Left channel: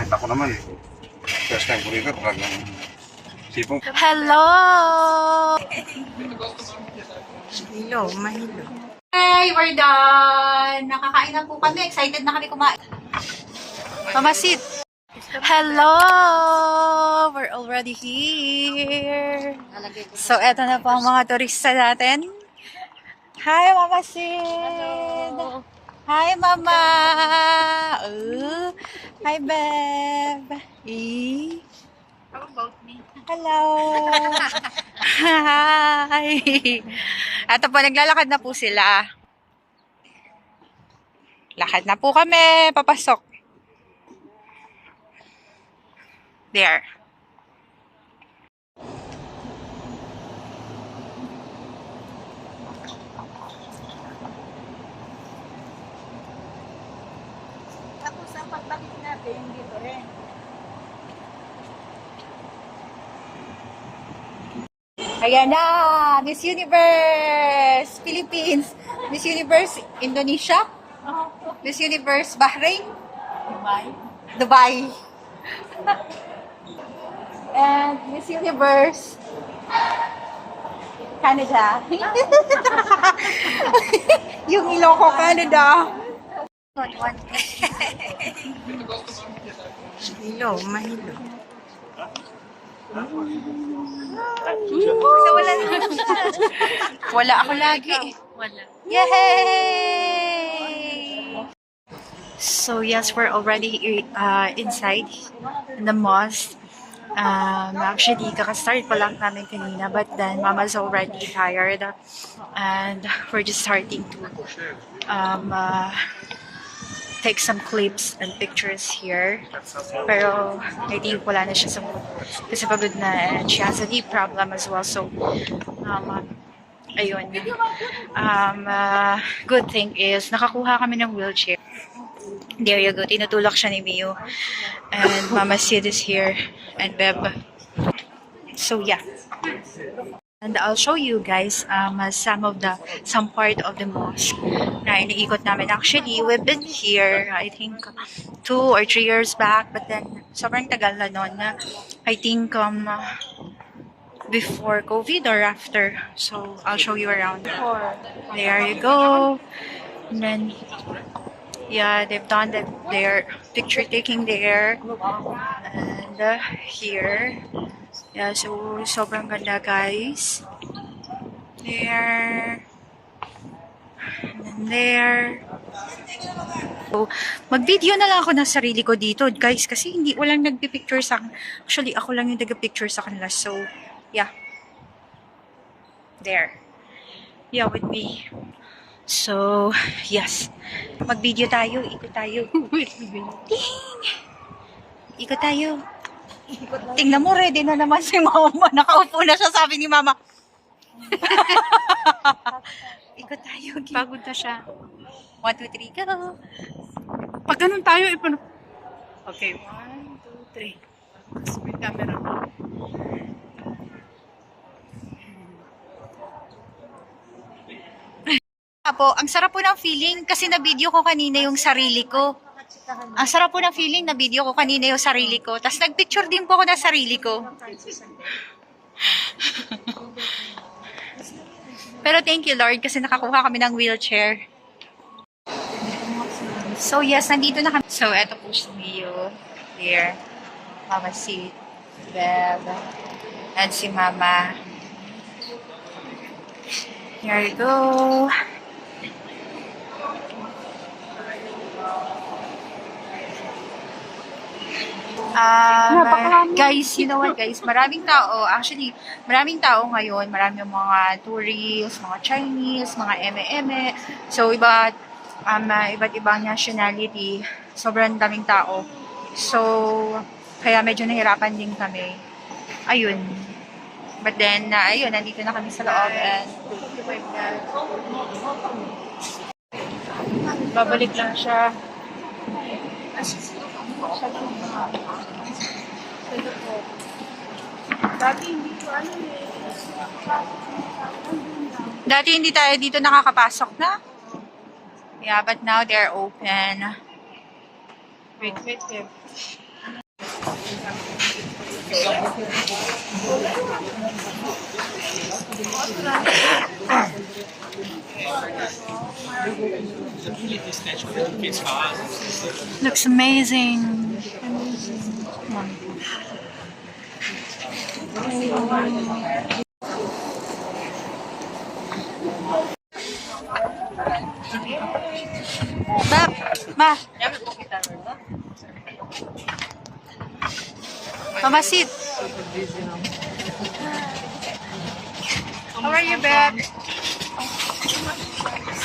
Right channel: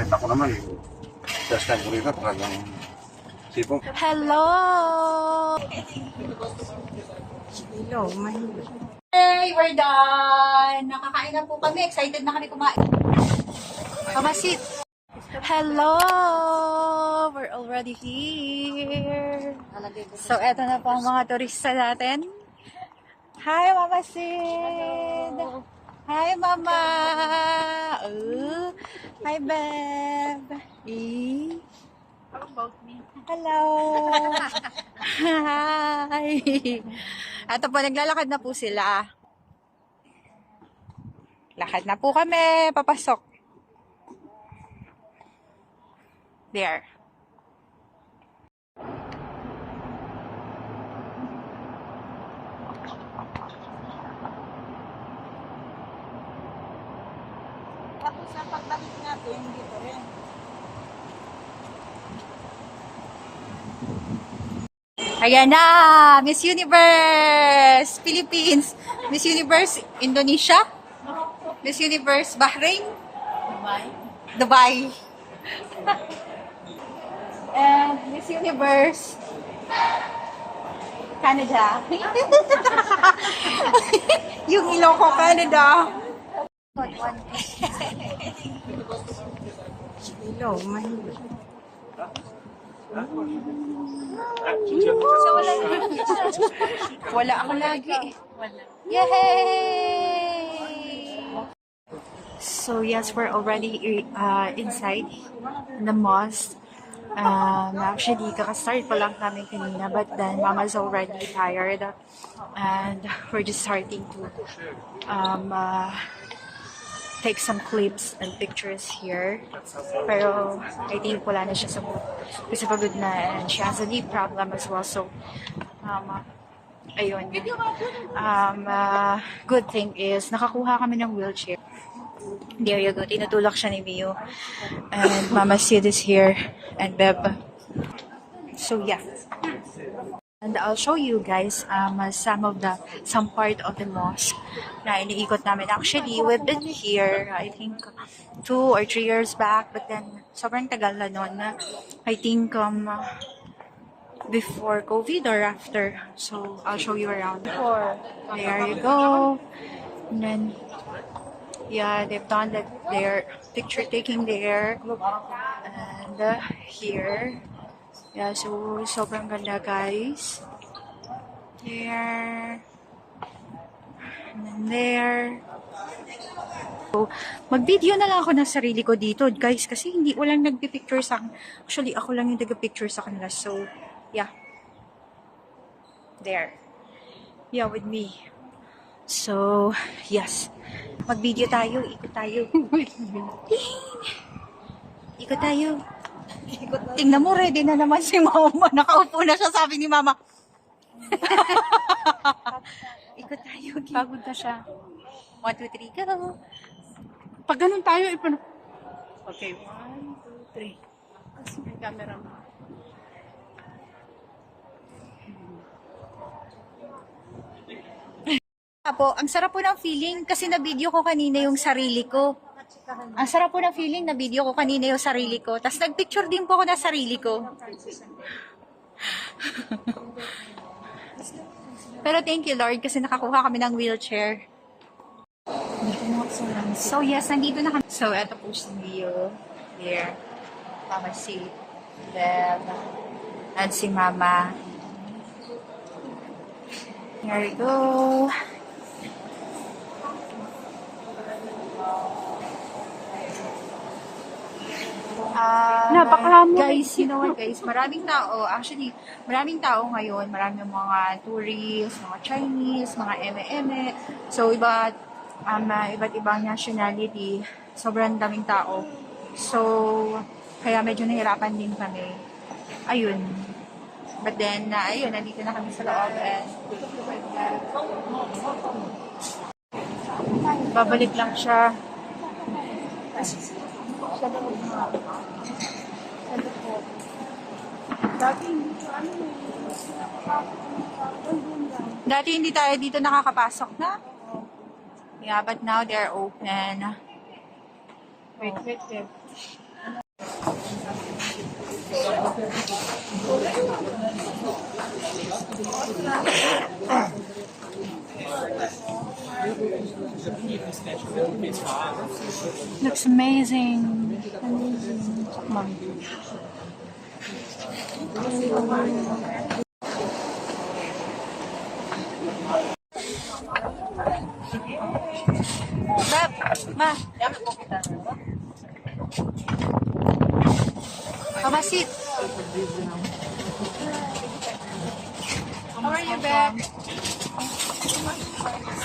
Kahit ako naman, first time ko rito, talagang sipong. Hello! Hello, mahilo. Hey, we're done! Nakakain na po kami. Excited na kami kumain. Pamasit! Hello! We're already here. So, eto na po ang mga turista natin. Hi, Mama Sid! Hello! Hi, Mama! Hi, Beb! How about me? Hello! Hi! Eto po, naglalakad na po sila. Lakad na po kami, papasok. There. Tapos ang pagbalik natin, dito rin. Ayan na! Miss Universe Philippines! Miss Universe Indonesia? Miss Universe Bahrain? Dubai. And Miss Universe Canada. Yung ilong ko, Canada. Hello, mahilo. So, wala ako lagi. Wala. Yay! So yes, we're already inside in the mosque. Actually, kakastart pa lang namin kanina, but then Mama's already tired, and we're just starting to take some clips and pictures here. Pero I think wala na siya sa mood kasi pagod na, and she has a knee problem as well. So ayun. Good thing is nakakuha kami ng wheelchair. There you go. Tinutulak siya ni Mio. And Mama Sid is here. And Beb. So yeah. And I'll show you guys some part of the mosque na iniikot namin. Actually, we've been here, I think, 2 or 3 years back. But then, sobrang tagal na nun. I think, before COVID or after. So, I'll show you around. There you go. And then, yeah, they've done their picture taking there. And here. Yeah, so sobrang ganda, guys. There. And then there. So, mag-video na lang ako ng sarili ko dito, guys, kasi walang nagpi-picture sa akin. Actually, ako lang yung nag-picture sa kanila. So, yeah. There. Yeah, with me. So, yes. Mag-video tayo. Ikot tayo. Ting! Ikot tayo. Tingnan mo, ready na naman si Mama. Nakaupo na siya, sabi ni Mama. Ikot tayo. Pagod na siya. 1, 2, 3, go. Pag ganun tayo, Okay, 1, 2, 3. Tapos may camera. Po, ang sarap po ng feeling kasi na-video ko kanina yung sarili ko. Ang sarap po ng feeling na-video ko kanina yung sarili ko. Tapos nag-picture din po ako ng sarili ko. Pero thank you, Lord, kasi nakakuha kami ng wheelchair. So yes, nandito na kami. So eto po si Mio. Here. Mama Sid. Beb. And si Mama. Here we go. Guys, you know what guys, maraming tao, actually, maraming tao ngayon, maraming mga tourists, mga Chinese, mga eme-eme, so iba't ibang nationality, sobrang daming tao. So, kaya medyo nahirapan din kami. Ayun. But then, ayun, nandito na kami sa loob and Babalik lang siya. dati hindi tayo dito nakakapasok na. Yeah, but now they're open. Wait. Looks amazing. Come on. Ma. Mama, sit. How are you, Beth?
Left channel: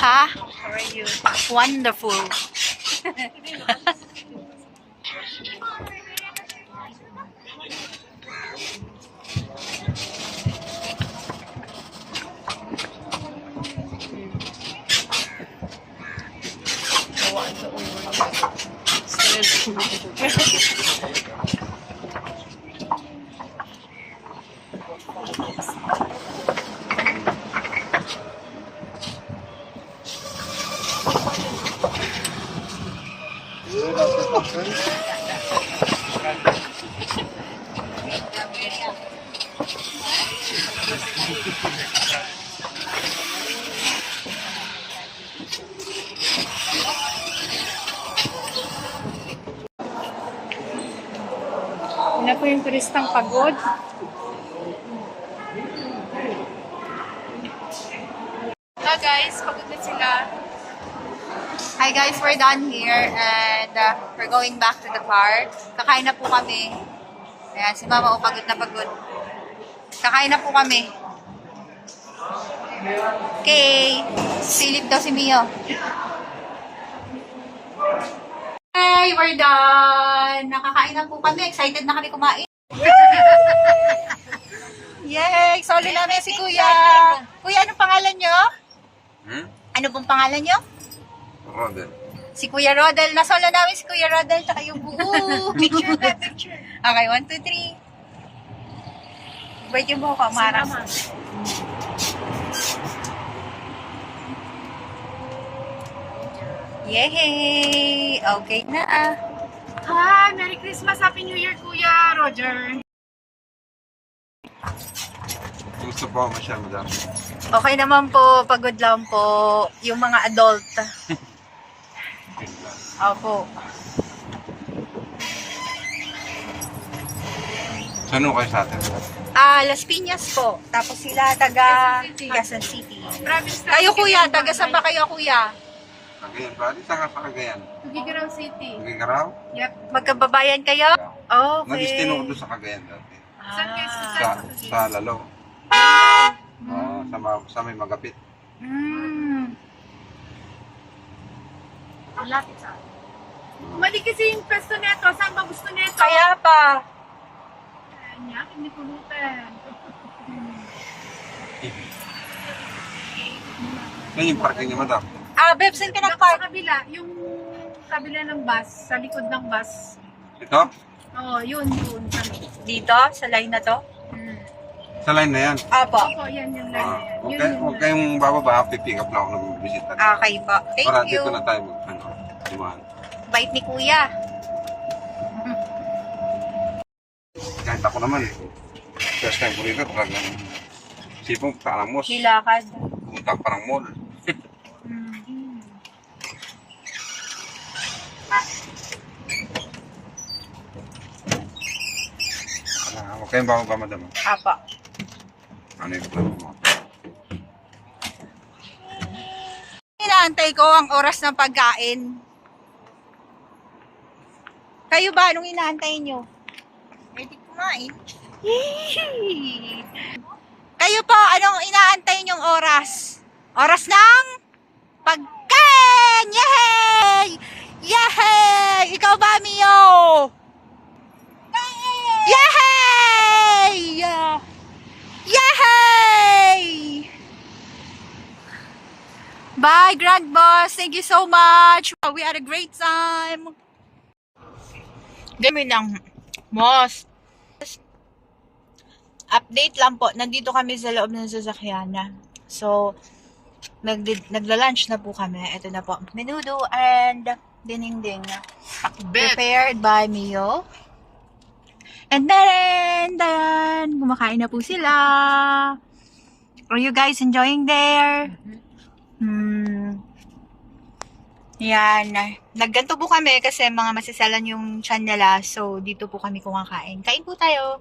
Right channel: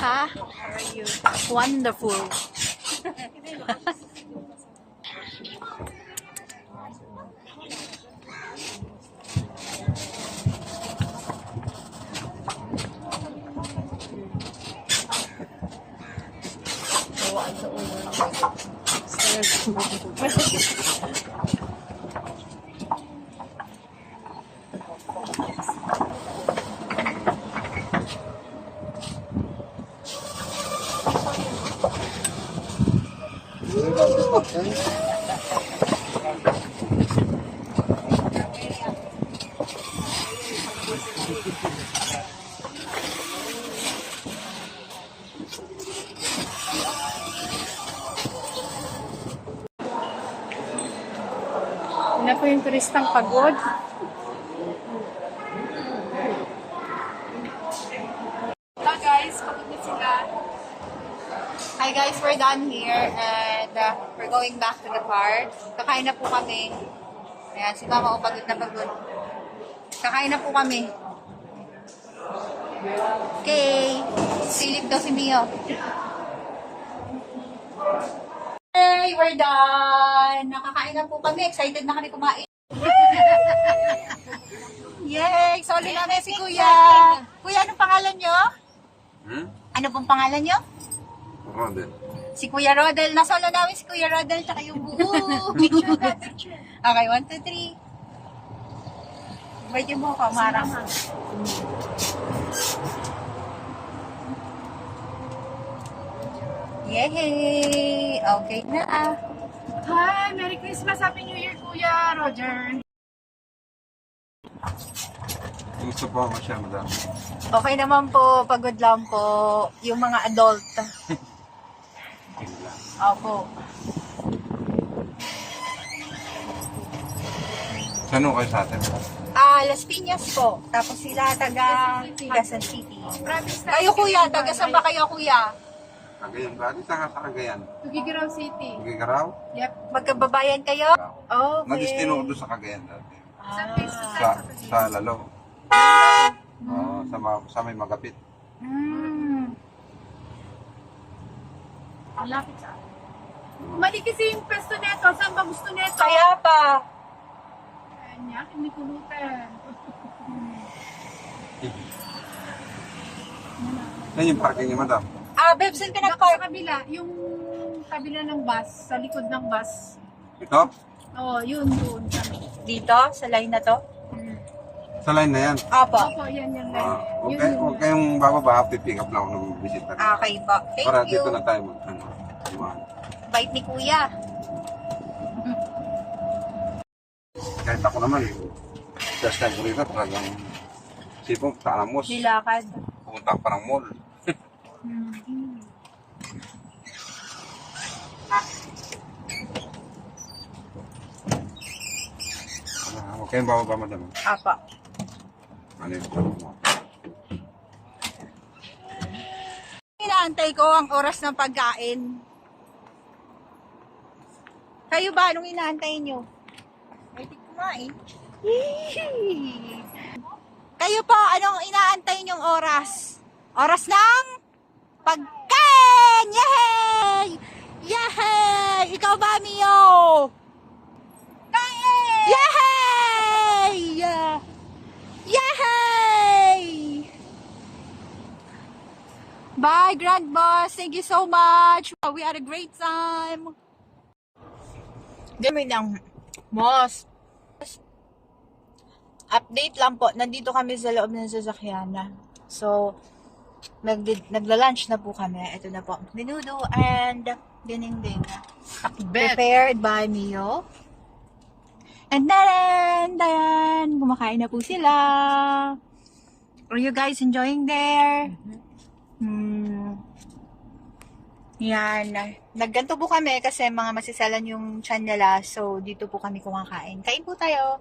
Ha? How are you? Wonderful. Yun na po yung turistang pagod. Hello guys, pagod na sila. Hi guys, we're done here and we're going back to the car. Kakain na po kami. Ayan, si Mama, pagod na pagod. Kakain na po kami. Okay. Silip daw si Mio. Hey, we're done! Nakakain na po kami. Excited na kami kumain. Yay! Solo namin si Kuya. Kuya, anong pangalan nyo? Ano pong pangalan nyo? Rodel. Si Kuya Rodel. Nasolo namin si Kuya Rodel tsaka yung buo. Picture na, picture. Okay, 1, 2, 3. Birthday mo ko, Maras. Yay! Okay na ah. Hi! Merry Christmas! Happy New Year, Kuya Roger! Gusto po ako siya, madam. Okay naman po, pagod lang po. Yung mga adult. Opo. Saan ho kayo sa atin? Las Piñas po. Tapos sila taga Quezon City. Province na. Kayo kuya, taga saan ba kayo kuya? Cagayan ba? Di saan ka sa Cagayan? Tugigaraw City. Nagigaraw? Yep. Magkababayan kayo? Okay. Nag-istino ko doon sa Cagayan dati. Sa Lalo. Sa may Magapit. Malapit sa akin. Mali kasi yung pwesto neto. Saan ba gusto neto? Kaya pa. Kanya, hindi pulutan. Yan yung parking niya, madam. Beb, saan ka Sa nag-park? kabila, yung kabila ng bus, sa likod ng bus. Ito? Oo, yun. Dito, sa line na to? Sa line na yan. Opo. Opo, yan yung line. Yun yung Huwag kayong bababa. Pipick up lang ako ng bisita. Okay po. Thank Para you. dito na tayo dimahan. Bait ni kuya. Kahit ako naman, first time ko rito, talagang sipong Tanamos. Hilakad. Pumunta pa ng mall. Huwag kayong bababa, madam. Apa. Ano yung plan mo? Inaantay ko ang oras ng pagkain. Kayo ba? Anong inaantay nyo? Pwede kumain. Yee! Kayo po, anong inaantay nyong oras? Oras ng pagkain! Yay! Yay! Ikaw ba, Mio? Yay! Yay! Bye, Grand Boss. Thank you so much. We had a great time. Kami lang, Boss. Update lang po. Nandito kami sa loob ng sasakyan. So, nagla-lunch na po kami. Ito na po. Menudo and dinding-ding. Prepared by Mio. And then, kumakain na po sila. Are you guys enjoying there? Yan. Nagganto po kami kasi mga masisalan yung tiyan nila. So, dito po kami kumakain. Kain po tayo.